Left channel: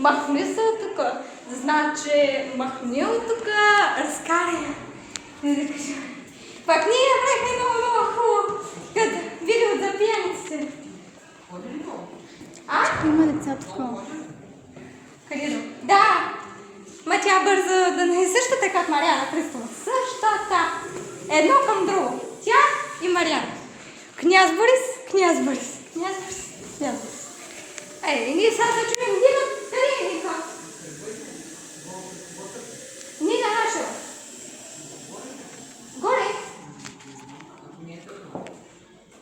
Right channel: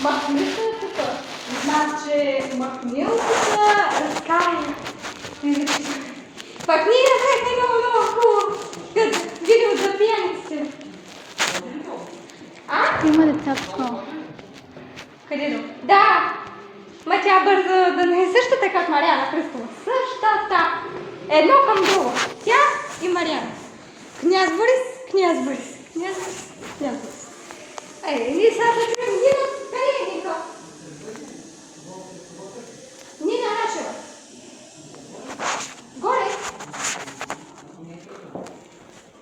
Махни се тук. Значи, махни от тук, разкаря. Пак ние направихме много хубаво. Като видео за пияници. А? Има деца тук. Къде до? Да! Ма тя бърза да не е същата като Мариана Христова. Същата. Едно към друго. Тя и Мариана. Княз Борис, княз Борис. Княз Борис, княз Борис. Ние сега да чуем Нина. Къде е Нина? Нина наша. Горе.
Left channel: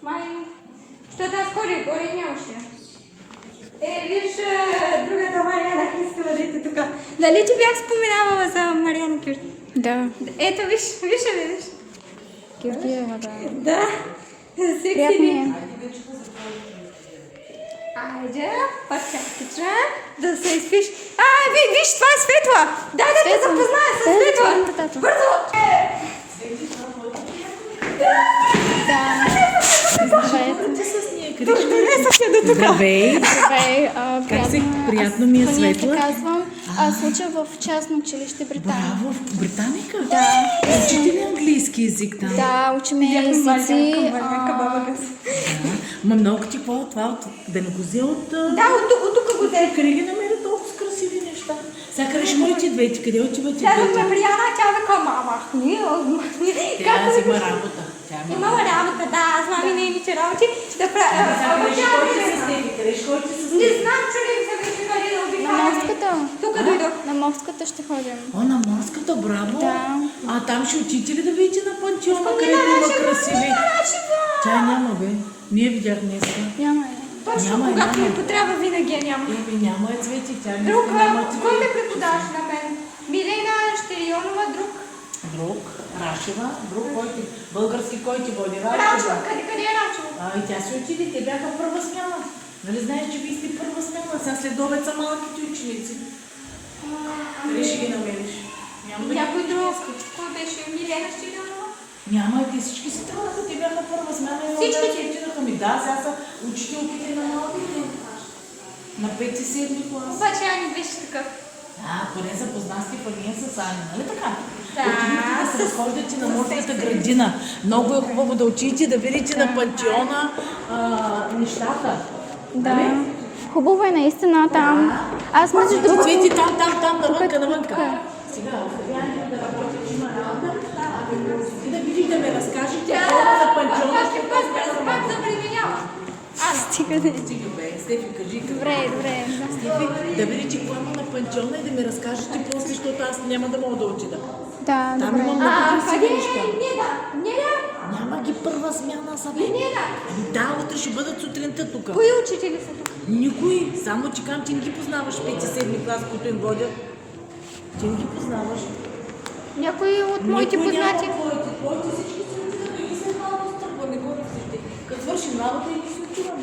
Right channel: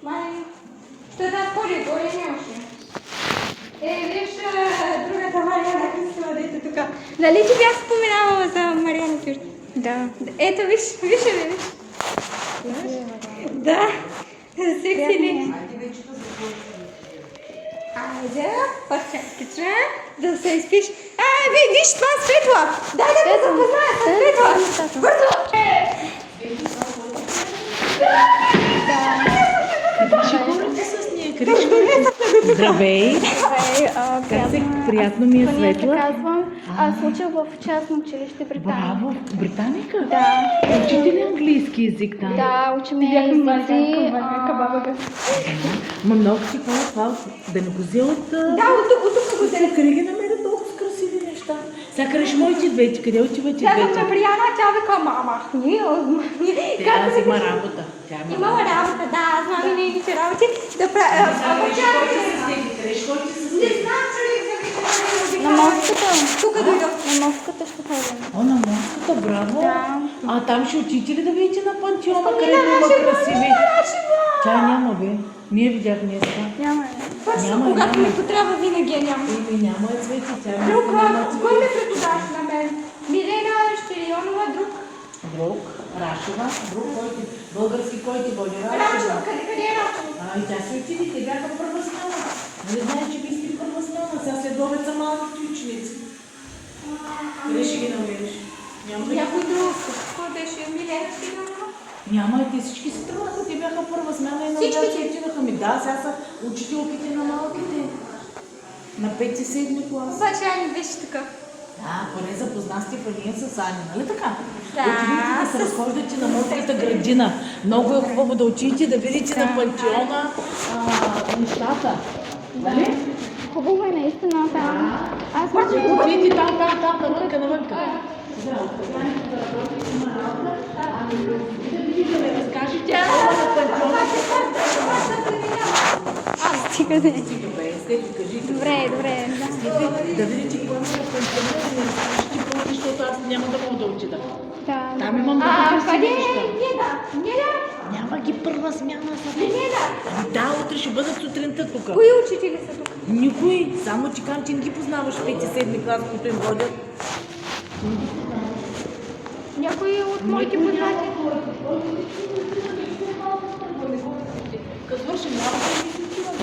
Май. Що да скоро горе нямаше. Виж другата Мариана Христова, дето тук. Нали ти бях споменавала за Мариана Христова? Да. Ето, виж ли, виж? Да. Секси ли? Айде, пак чакай, да се изпиш. Виж, това е Светла! Дай да те запозная с Светла! Бързо! Здравей! Как се? Приятно ми е, Светла. Казвам, аз уча в частно училище Британия. Браво! В Британика? Да. Учите ли английски език там? Да, учиме езици. Ма много ти хора това, да не го взелят... Да, от тук го взе. Къде ги намерят толкова с красиви неща? Сега къде ще моите двете? Къде отивате Тя двете? ме прияна, тя вика, мама, Аз има работа. Имала работа, да, аз мами нейните работи да правя. Не знам, че ли се На мостката. Тук дойдох. На мостката ще ходим. О, на морската, браво! Да. Там ще отидете ли да видите на пантеона, където има красиви? Тя няма, бе. Ние видях днеска. Няма. Точно, когато ми потрябва, винаги я няма. Няма е Цвети, тя Друг, няма. кой ме преподаваш на мен? Милена Щерионова, друг. Друг, Рашева, друг, който, български, който води Рачо, Рашева. къде е Рачо? И тя се отиде, те бяха първа смяна. Нали знаеш, че вие сте първа смяна, сега след обед са малките ученици. Къде ще ги намериш? Няма да... Някой друг. Кой беше? Милена Щерионова? Няма, те всички се тръгнаха, те бяха първа смяна и Всички младачи отинаха ми. Да, сега са учителките на малките. На 5-7 клас. Обаче Ани беше такъв. Поне запозна Стефания с Ани, нали така? Да. Отидете да се разхождате на морската градина. Много е хубаво да отидете да видите на пантеона нещата. Да. Хубаво е наистина там. Аз между Да другото... отидете там, навънка. Сега, да работим на работа. Да видите, да ми разкажете на пантеона. Аз да преминавам. Стига де. Стефи, кажи. Добре, да. Да видите какво има на пантеона и да ми разкажете после, защото аз няма да мога да отида. Да. Там има много красиви неща. Неля? Няма ги първа смяна са. Да, утре ще бъдат сутринта тук. Кои учители са тук? Никой, само ти казвам, ти не ги познаваш 5-7 клас, които им водят. Ти не ги познаваш. Някои от моите познати. Като свършим работа и си отиваме.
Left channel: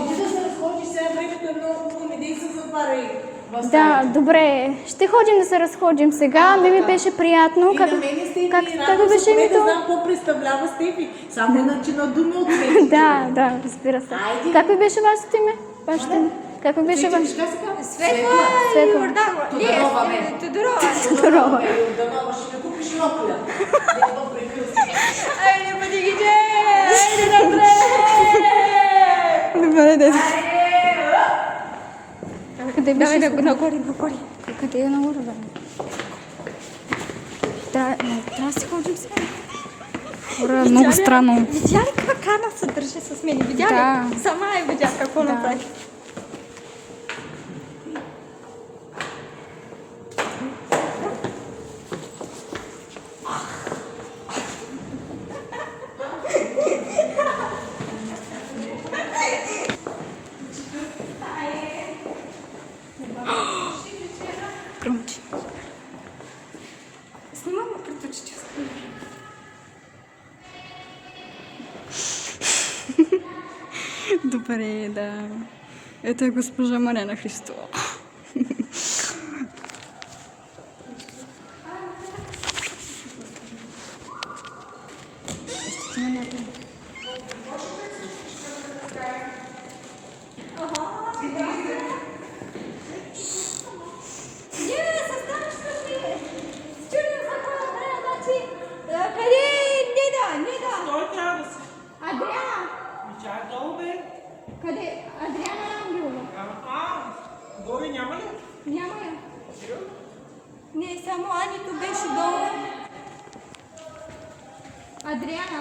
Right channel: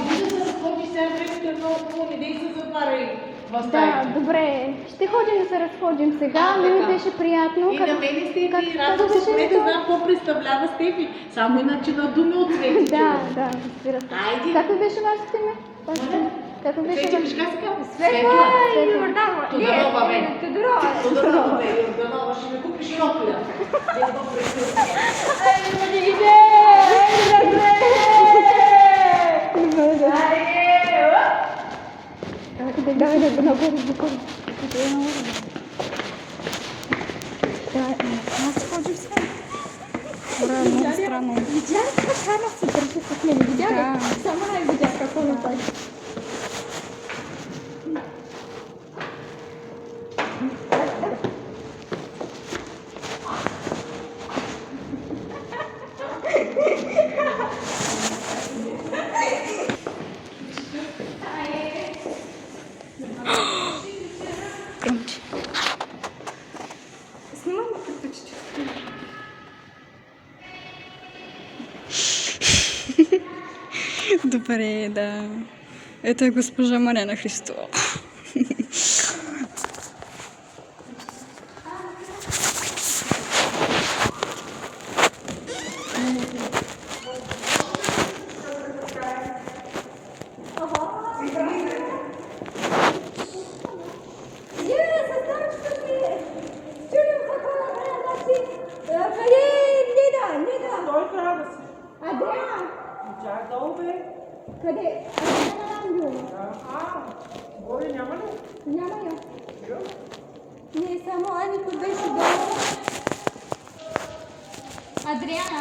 Иди да се разходиш сега, времето е много хубаво, не дей се затваряй в Да, стаите. добре. Ще ходим да се разходим сега. Не ми беше приятно. И на мене Стефи, как радвам се, беше поне да името? знам какво представлява Стефи. Само иначе на думи от Стефи. Да, разбира се. Айде. Как ви беше вашето име? Вашето име? Как ви беше Стефи, вашето как се казва? Светла. Светла. Тодорова, бе. Тодорова. Бе, Йорданова, ще ми купиш нокля. Айде, мъдигите! Добре, да. Давай да го нагоре. Къде е много? Да, аз ходим сега. Да, много странно. Видя ли как Хана се държи с мен? Видя ли? Да. Сама е видя какво направи. Громче. Снимам практически. Добре, да. Это е госпожа Мариана Христова. Няма я. Не, само Аника беше долу. Адриана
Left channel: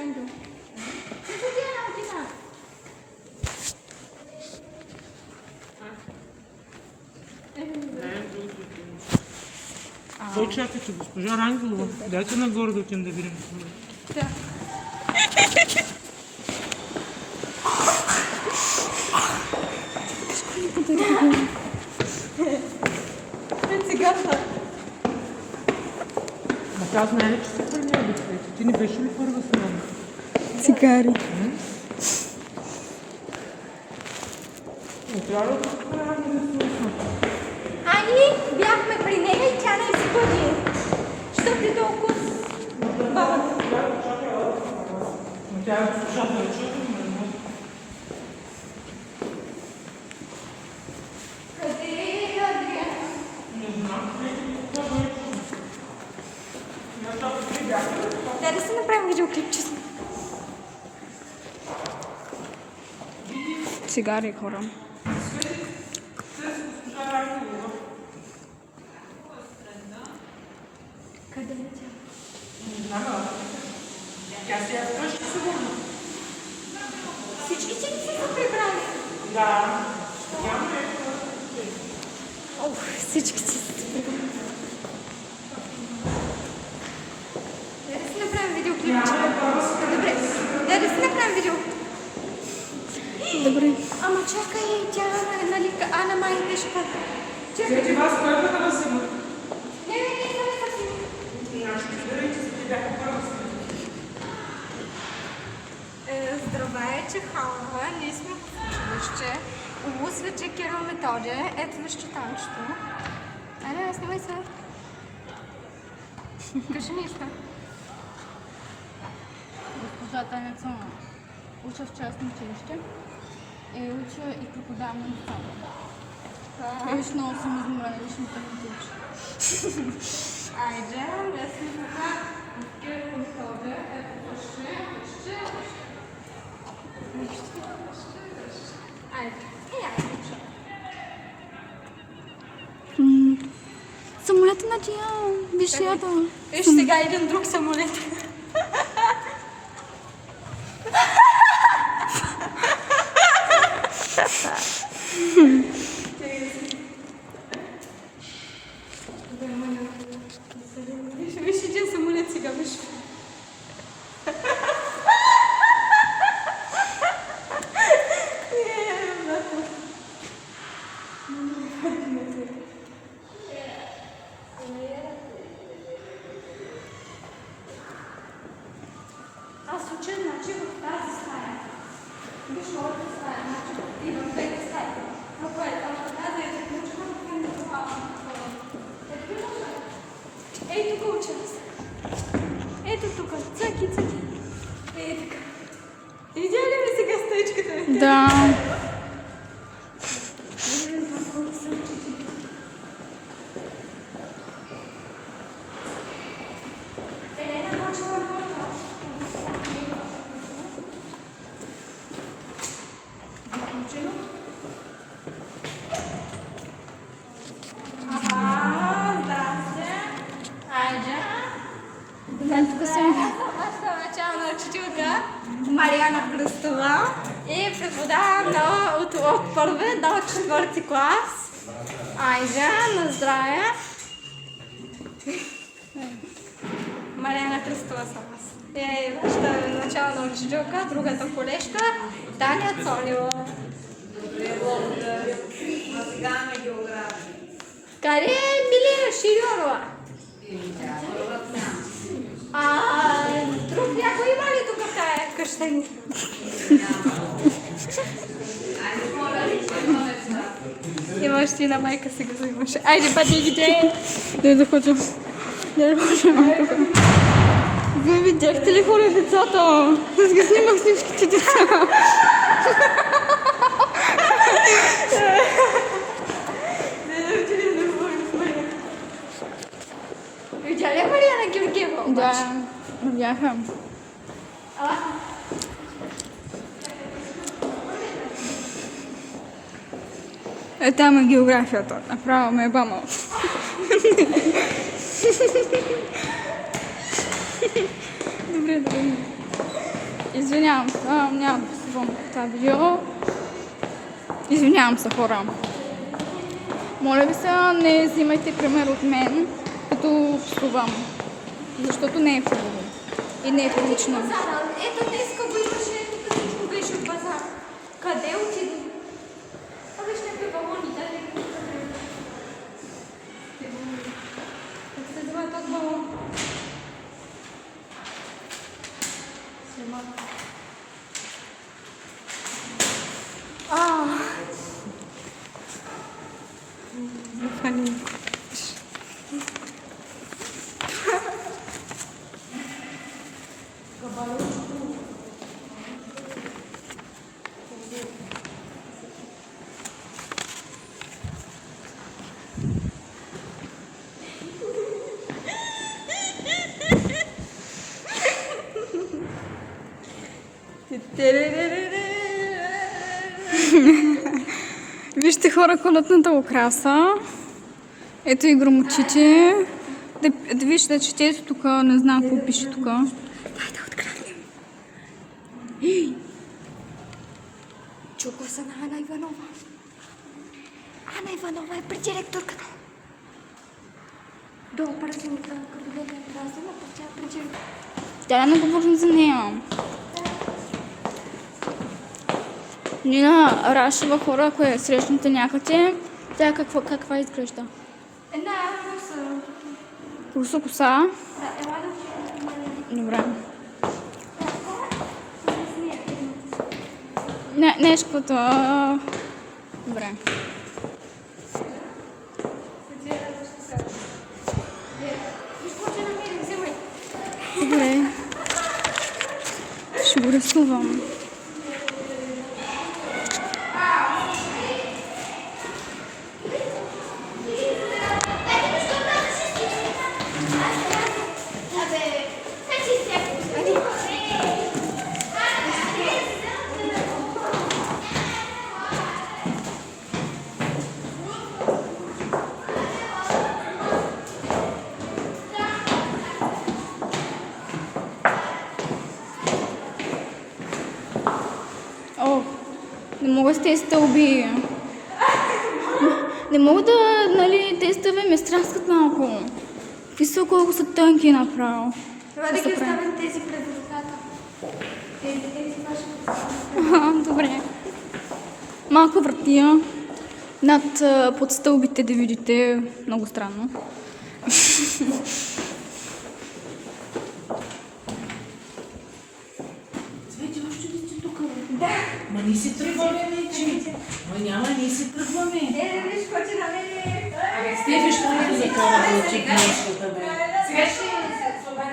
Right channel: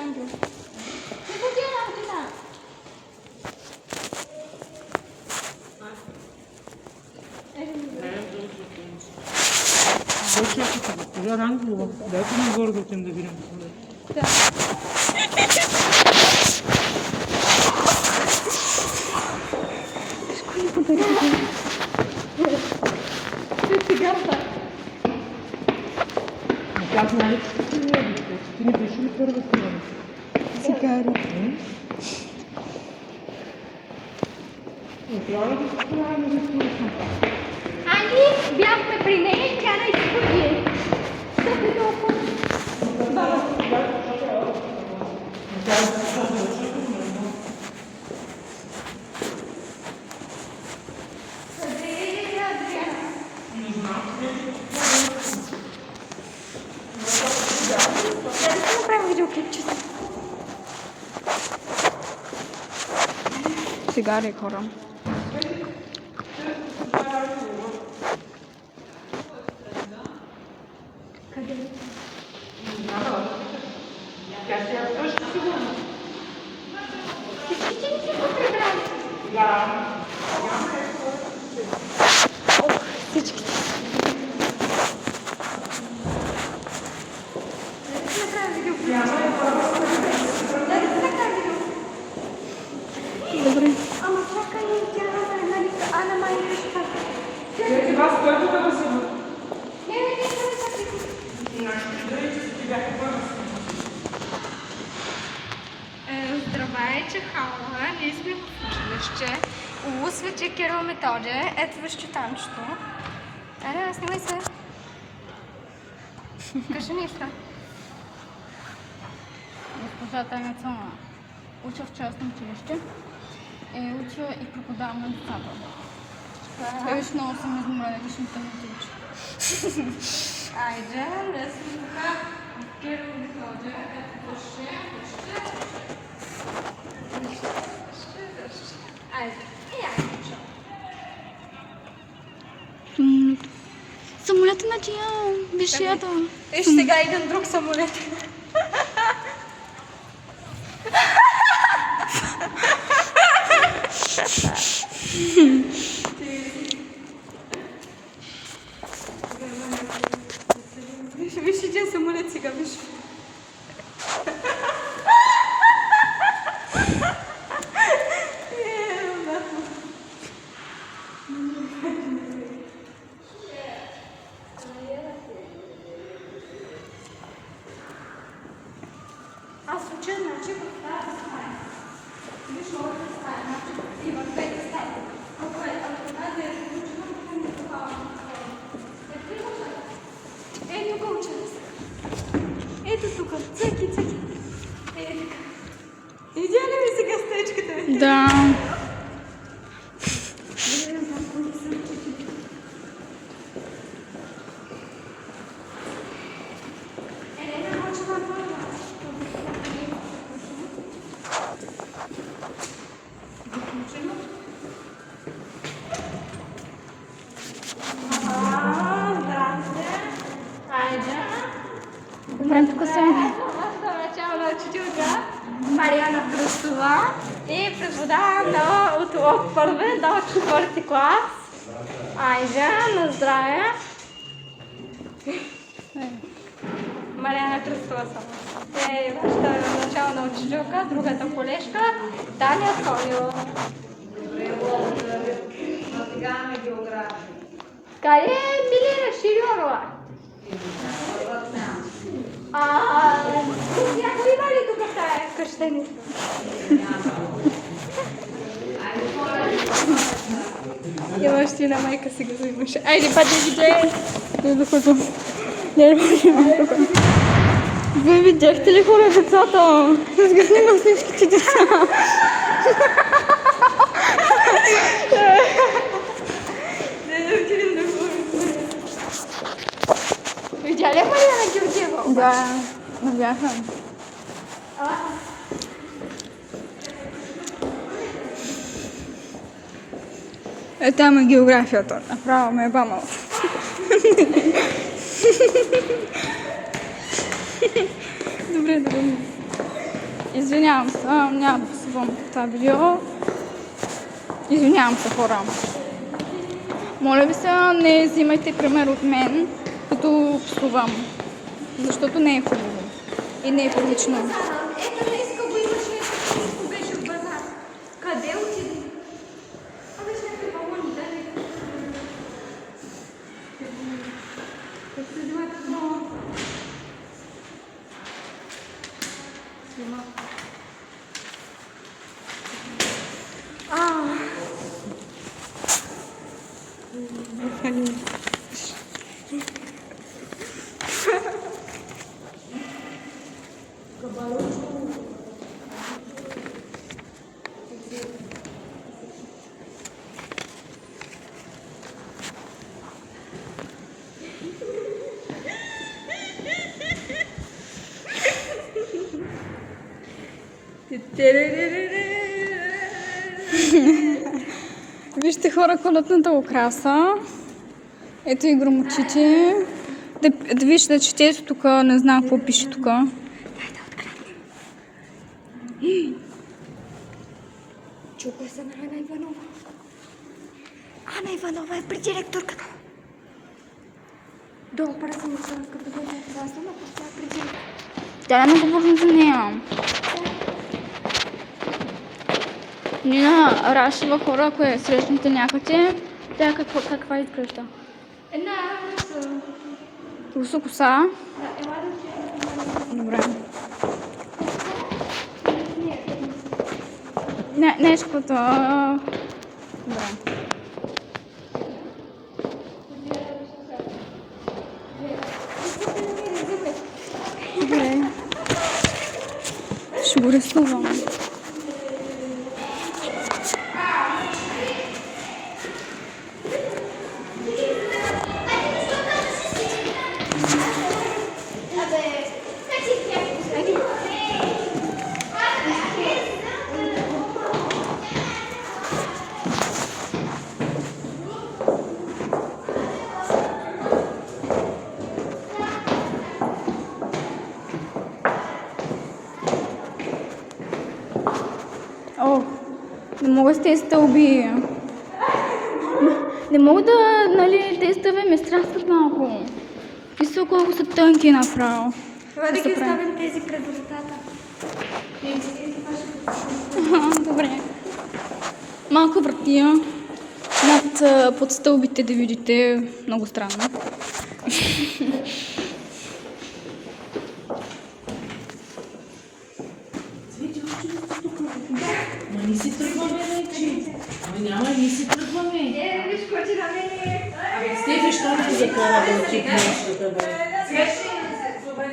Ангел. Не такива работи са. Кой чакате? Госпожа Рангелова. Дайте нагоре да отидем да видим. Да. Всичко ни подариха. Цигарка. Аз най-вече се предвидя. Ти не беше ли първа снимана? Цигари. Трябва да се правя да снимам. Ани, бяхме при нея и тя не изходи. Що ти толкова? Баба. Къде е Адриана? Да си направим видеоклипче. Цигари, хора. Къде? Всички ти не си го прибрали? Всички си. Да си направим видеоклипче. Добре. Да си направим видео. Добре. Ама чакай, тя, нали, Ана май беше пак. Чакай. Ти вас първата да се... Не, не така. Здравейте, хора! Ние сме в училище. Улусвате Кирил Методия. Ето вижте тамчето. Аре, снимай се. Кажи нещо. Госпожа Таня Цона уча в частно училище. Уча и преподавам на децата. Виж, много съм изморена, виж, не ми учи. Айде, да си така. Кирил Методия. Ето вижте. Айде. И айде, чу. Самолета на Джиян. Виж ята. Виж, сега един друг самолет. Виж един самолет сега, виж. Аз уча, значи, в тази стая. Виж колко стая, значи, и в двете стаи. Ако е тази е заключена, ако е не това. Е, ти уча. Е, не го уча. Ето тук, цъки, цъки. Е, така. Видя ли ми сега стечката ми? Да. Елена научила много. Тук съм. Начална учителка Мариана Христова и преподавам от първи до четвърти клас. Айде, на здраве! Мариана Христова съм. Нашата начална учителка, другата колежка Таня Цонева. Къде е Милия Ширионова? Тук някой има ли тук в тая къща ни? Имаш ти на майка сега взимаш. Айде, бъде где? Да ходим. Да ходим тук. Вие видяхте ли хора децата? Аз ги снимам всичките деца. Видя ли Мариана Георгиева? Да, бяха. Там е географията. Направо ме е бамал. Добре. Извинявам се, няма да псувам това видео. Извинявам се, хора. Моля ви се, не взимайте пример от мен, като псувам. Защото не е хубаво. И не е прилично. Ето днеска го имаше, нещо беше в базар. Къде отиде? Беше някакви балони, дали? Как се взема този балон? Снима. Вижте, хора, колетната украса. Ето и громочите. Да вижте, че ето тук, не знам какво пише тук. Дай да откраднем. Чука се на Ана Иванова. Ана Иванова е при директорката. Долу парасола, като бъде парасола, тя е при директорката. Тя не говорим за нея. Нина Рашева, хора, ако я срещнете някъде, тя каква изглежда? Една руса. Руса коса. Ела да Добре. Нешквото. Добре. Добре. Ще го рисувам. О, не мога с тези стълби. Не мога да, нали, тези стълби ме странстват малко. Мисля, колко са тънки направо. Това да ги се прави. оставим тези пред децата. Тези Добре. Малка вратия над под стълбите да видите. Много странно. Цвети, още ли сте тук? Да. Ма ние си тръгваме, Нечи. Ама няма, ние си тръгваме. виж, коти на мене. Абе, Стефи, що не ти кара да учи нещо, да бе?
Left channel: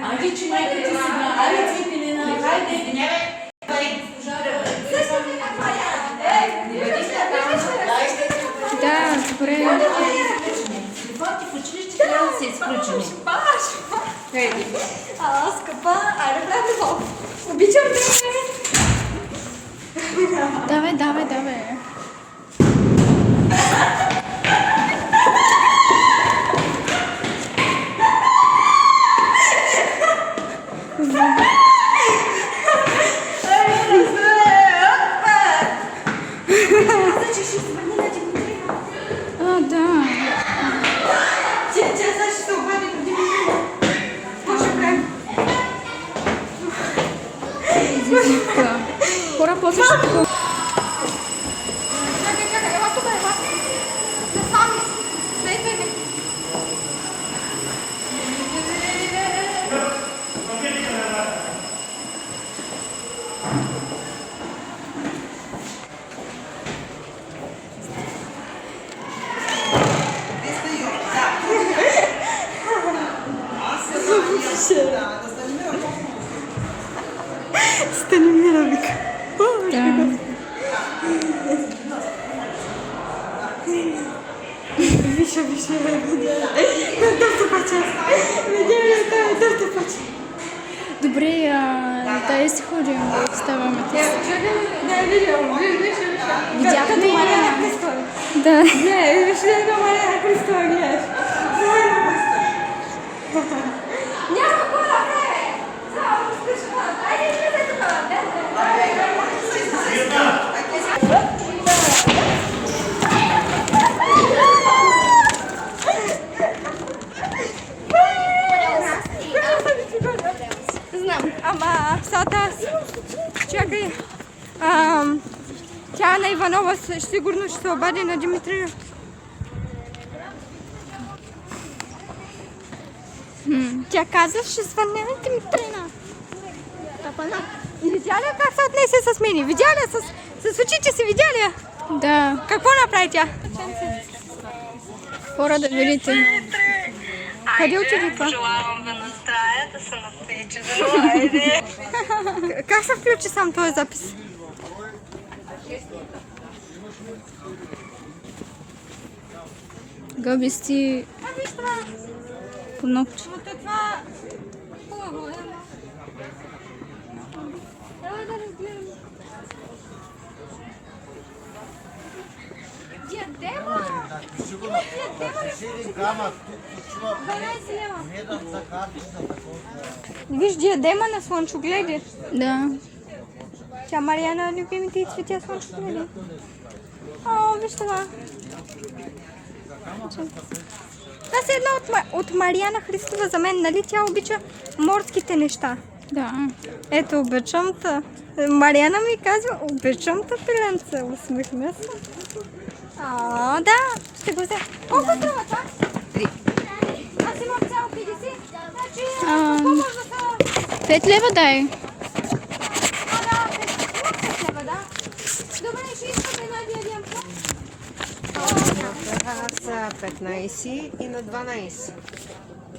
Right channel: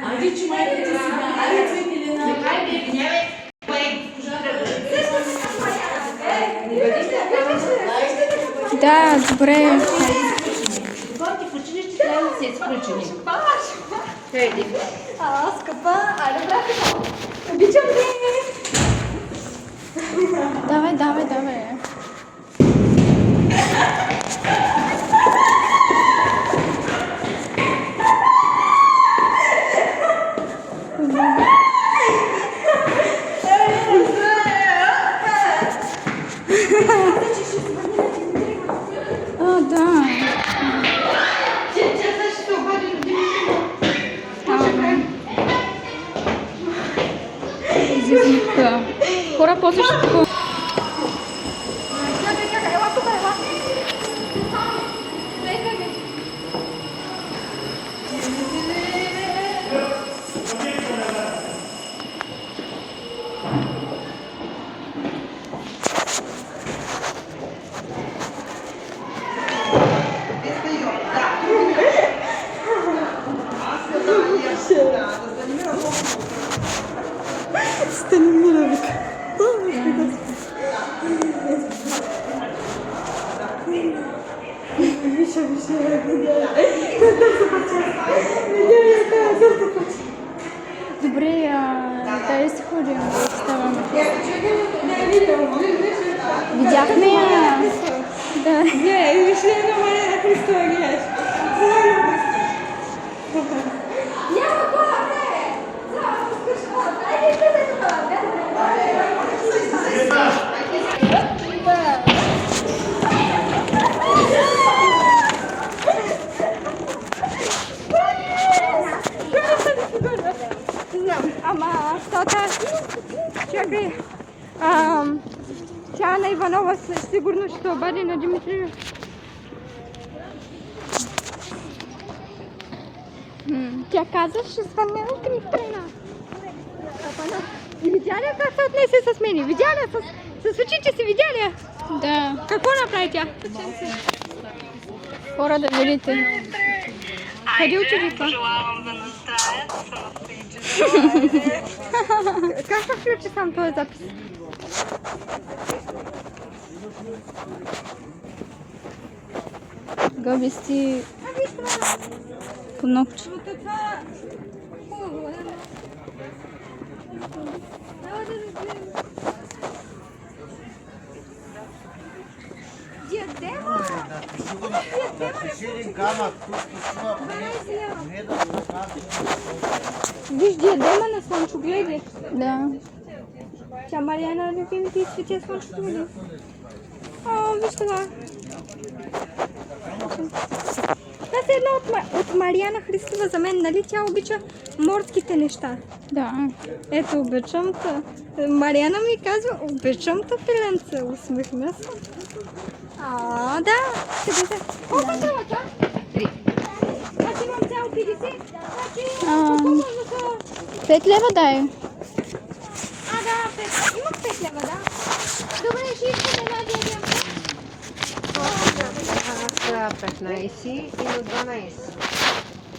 Айде, че майка ти сега. Айде, Цветелина, хайде. Да, добре. Ти в училище трябва да се изключим. Ала, скъпа, айде, брате, обичам те. Давай. Да. Тя ще се обади на Димитър. Може правим. Да. Хора, после ще такова. Чакай, ела тук, ела. Те сами. Следвай ме. Станимира, вика. Виша. Добре, дай си ходим да ставаме. Видяхме. Да. Не, или ще е на Мария Христова, гледаш. Няма какво да направи. Само разкажи това. Айде, излезе тук. Знам, ама псата... Чакай. Тя е на Иванова, сигурно ще се обади на Димитрия. Тя каза, ще звъня на Димитрина. И видя ли как се отнесе с мен? Видя ли с очите си, видя ли? Да. Какво направи тя? Хора да видите. Къде отиде това? Пожелавам да настроя, да се наприча. Как се включи сам този запис? Габи си Виж това. по ногче. Но това хубаво е. Давай да разберем. Диадема? Виж диадема на слънчогледи. Да. Тя Мариана любимите и цветя слънчогледи. О, виж това. Това е една от Мариана Христова за мен, нали? Тя обича морските неща. Да. Ето, обичам та. Мариана ми казва, обичам та пиленце. Усмихна се. О, да. Ще го взема. Колко става това? 3. Аз имам цяло 50. Значи, по-бързо са... 5 лева дай. Да, 5 лева, да. Добре, ще искаме една диадемка. На 15 и на 12.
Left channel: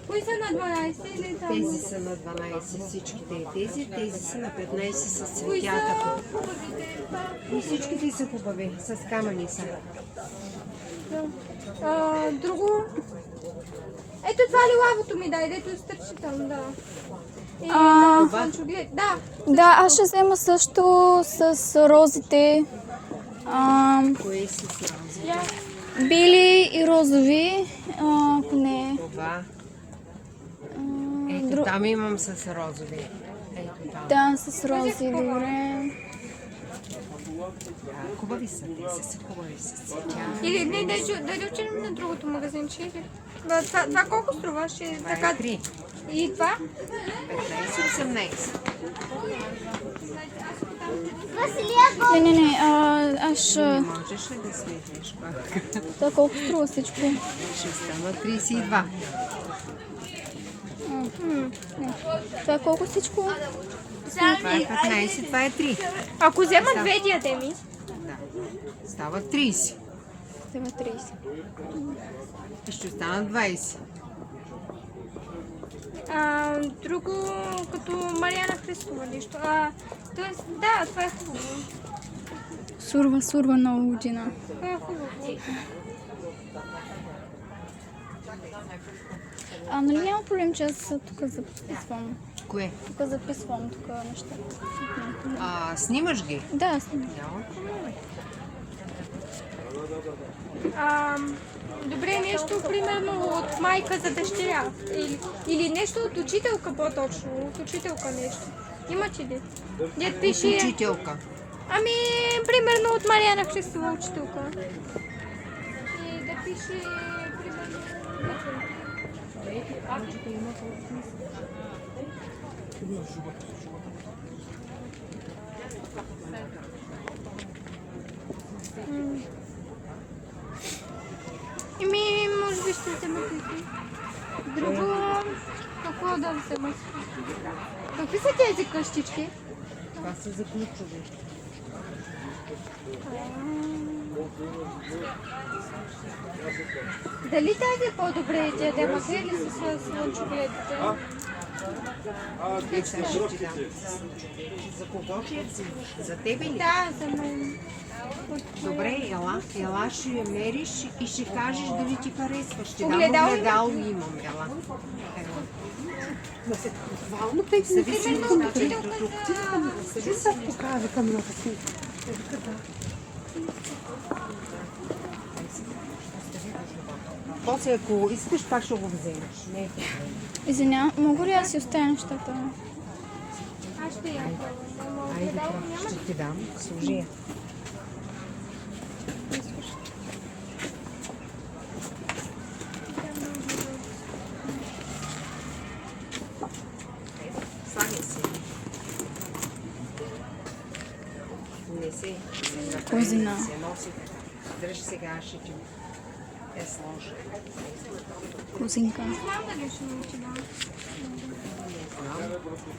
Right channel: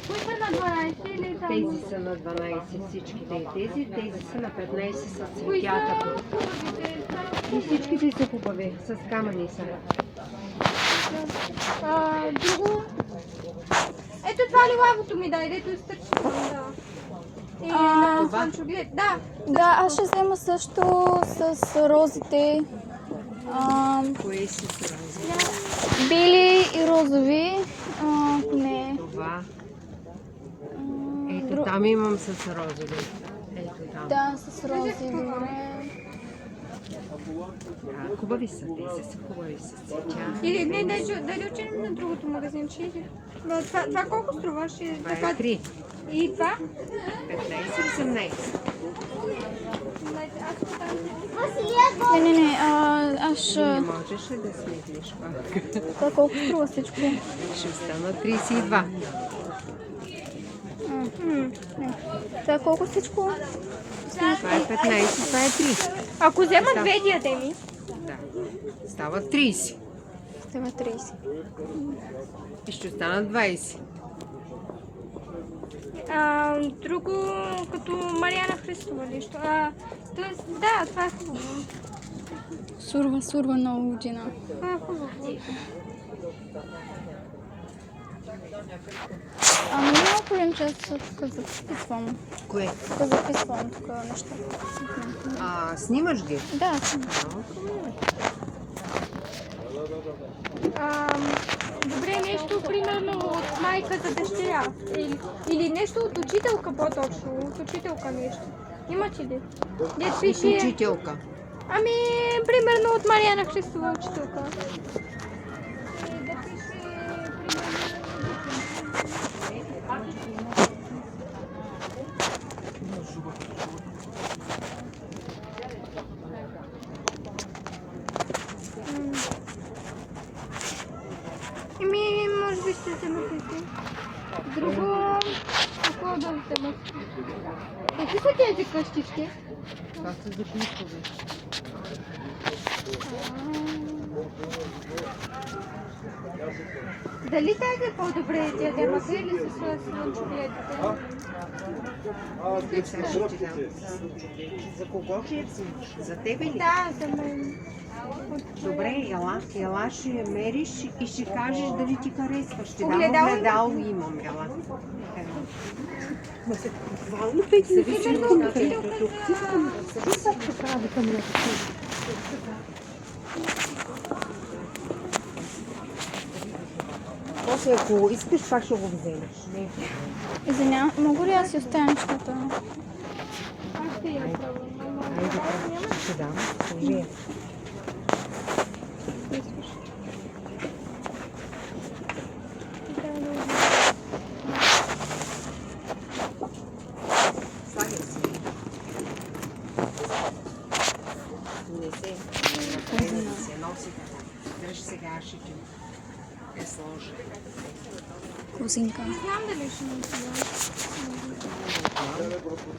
Кои са на 12 или само? Тези са на 12, всичките и тези са на 15 с Кои са цветята. хубавите? И всичките са хубави, с камъни са. Друго. Ето това лилавото ми дай, дето изтърчи там, да. И на слънчоглед. Да. Да, аз ще взема също с розите. Кои си са розови? Бели и розови. Не. Това. Ето там имам с розови. Ето там. Да, с рози, добре. Хубави са, тези са хубави с цветя. Или не, да отидем на другото магазинче. Или... Това колко струва? Ще така... 3, И това? 15, 18. Не, аз ще... Не можеш ли да сметнеш? Това колко струва всичко? Ще стана 32. Това колко всичко? Това е 15, това е 3. Ако взема две диадеми, Да. Става 30. Това 30. И ще останат 20. друго като Мариана Христова нещо. Тоест, да, това е хубаво. Сурва на лудина. Това е хубаво. Ами няма проблем, че аз тук записвам. Кое? Тук записвам тук неща. Снимаш ги? Да, съм. Добре, нещо примерно от майка за дъщеря. Или нещо от учителка по-точно. От учителка нещо. Имате ли? Дет пише... Учителка. Ами, примерно от Мариана Христова учителка. И да пише... може би ще взема тези. Друго... Какво да взема? Какви са тези къщички? Това са за клипове. Дали тази е по-добре диадема? Къде ли са слънчогледите? Сега ще ти дам. За кого ще е? За тебе ли? Да, за мен. Добре, ела ще я мериш и ще кажеш дали ти харесва. Ще дам Огледало? огледало имам, ела. Буквално 5 Зависи от значението тук. После ако искаш, пак ще го вземеш. Не е проблем. Извинявам, мога ли аз си оставя нещата? Айде, ще ти дам. Служи я. Слагай си. Не се. Козина. Се носи. Дръж сега, аз ще ти я сложа. Козинка.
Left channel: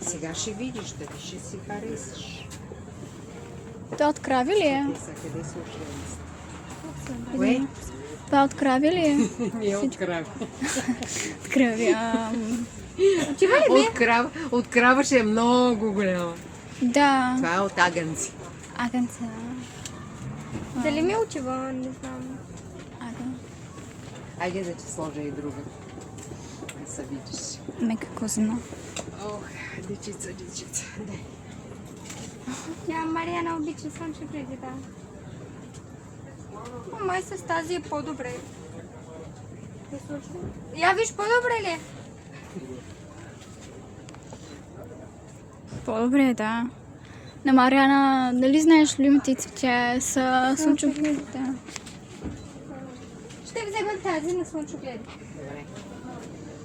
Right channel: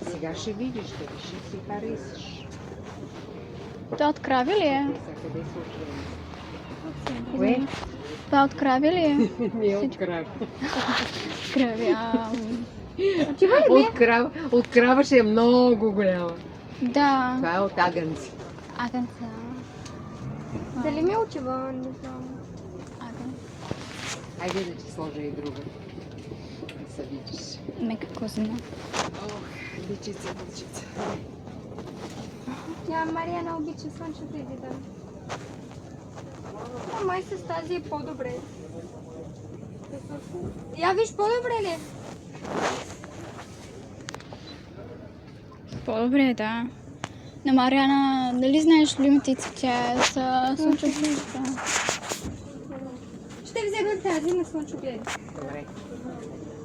Сега ще видиш, дали ще си харесаш. Тя от крави ли е? За къде се отвели? Кое? Тя от крави ли е? Не е от крава. Крави, От крава ще е много голяма. Да. Това е от агънци. Агънца. Дали ми отива? Не знам. Агън. Айде да ти сложа и друга. Да се видиш. Мека козина. Ох, дечица. Тя Мариана обича слънчогледи, да. А май с тази е по-добре. Я виж по-добре ли? По-добре е, да. На Мариана, нали знаеш любимите цветя са слънчогледите? Ще взема тази на слънчогледи. Добре.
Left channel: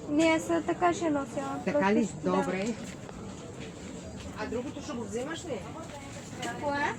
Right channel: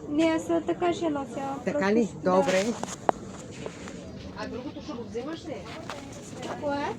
Не, аз така ще нося. Така ли? Добре. А другото ще го вземаш ли? Кое?